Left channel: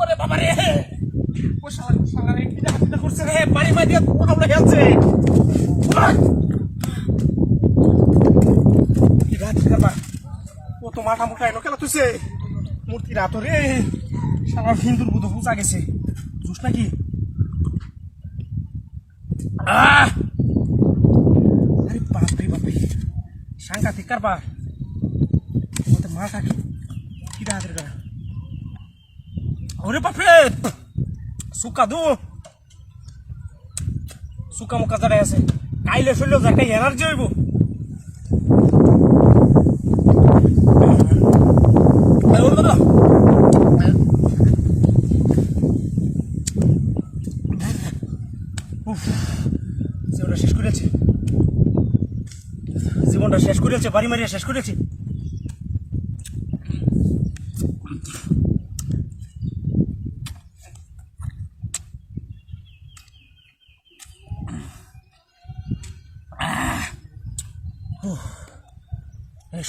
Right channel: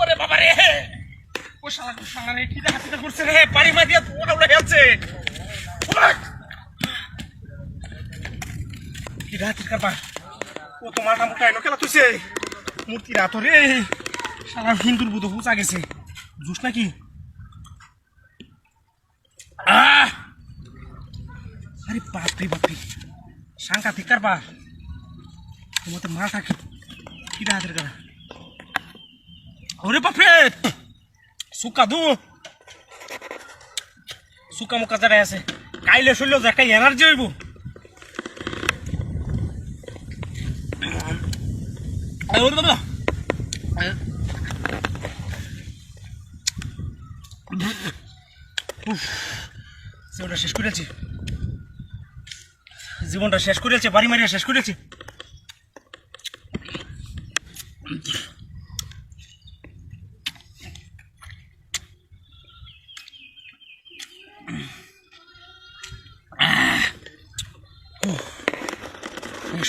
ওরে বাবা রে ও শালা রে কি হাতটা করছে রে বাড়ি মা দিয়া আমরা যাচ্ছে কি রাত কাবা ও তো মাথা মুখা এনো কেলা তুইছে মূর্তি রাত রে শালা হিন্দুর বুধ পূজা গেছে বুঝছ নাকি আরে বাপরে বাপরে সাংঘাতিক কারবার তোমাদের মাথা কি রাতের করা ওরে বাপরে সুকা দু সুকা মুখা যারা আছে কাইলে শরীর একটা এনার্জি হইব জীবনটা শেষ করেছি জীবনটা শেষ করেছে বাড়ি মারিয়া শেষ করেছি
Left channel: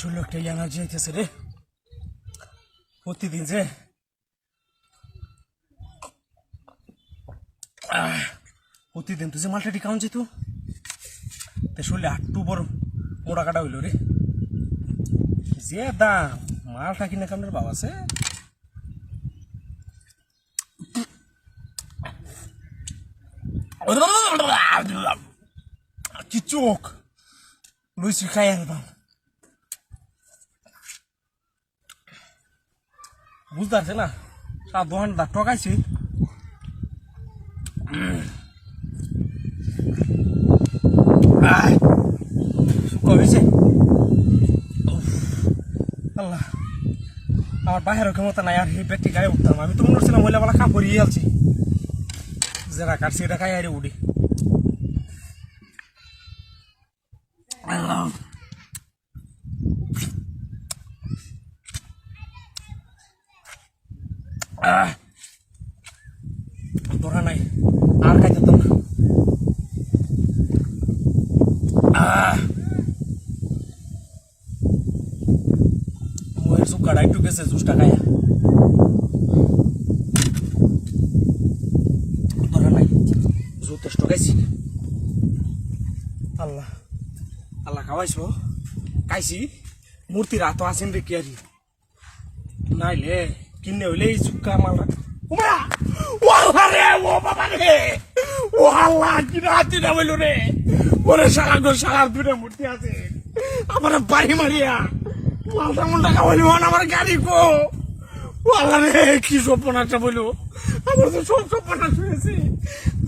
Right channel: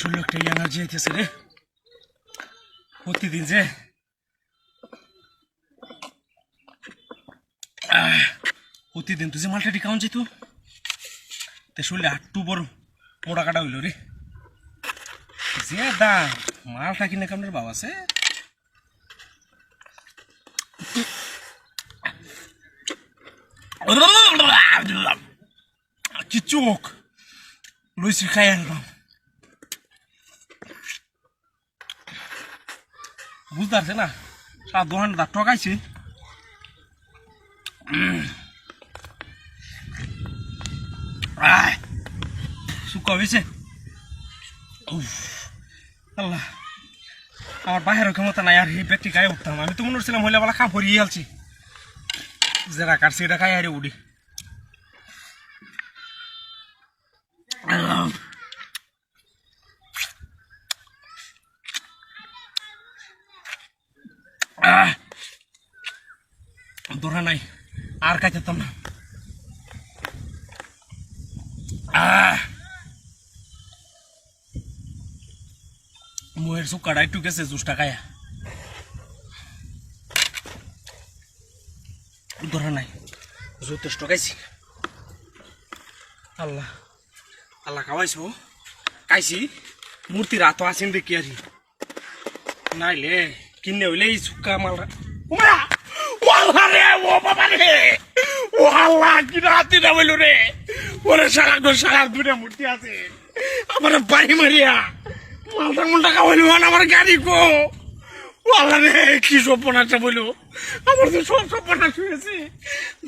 শরীর একটা এনার্জি আইতেছে রে প্রতিদিন যে প্রতিদিন তুই যে মালটা কাউন যেত তে শরীরে আটটু বড় মোড়া কাটা হইল রে যে দাম মালটা কিনে কামড়ের বাবা আছে কি চোখ লুইসি খাই আনলাম বুঝতে পারছে না সারা দোকানটা ঠকাইছে শুকা হয়েছে আল্লাহ আমার বাহিরের ক্ষমতা নাই আর এই ব্যক্তি গায়ে উঠতাম আমি তো মনে করছিলাম মহিলাবেলা খা পরিয়ে আলছি যেটা কাটছি এটা খাই আরে উঠি ধরা নাই আর খাইতে তো না মুয়ের সুকাটা একটু গেছে জুসটা খায়া ধরা নাই যথেষ্ট খাইছি আল্লাহ আল্লাহ খাওয়াইছো খাইছি মূর্তির হাত আসেন দেখি আর নাইলে কিনে হইলে এই সুকা মাল ও বাবা রে ও আল্লাহ কি রাতি না বইল রে ওরে সারা দূরে মূর্তি আছে আমার বাড়ি মারিয়া মালটা মুন্ডা খাওয়াইল আমার গাড়ি কো ও আল্লাহ রে কি সপনাটা বইল আমার তো সব সপনা শুয়েছি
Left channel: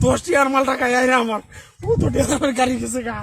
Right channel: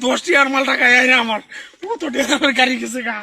10 টি আর মালটা খাই আমার ও তো আমার গাড়ি গেছে গা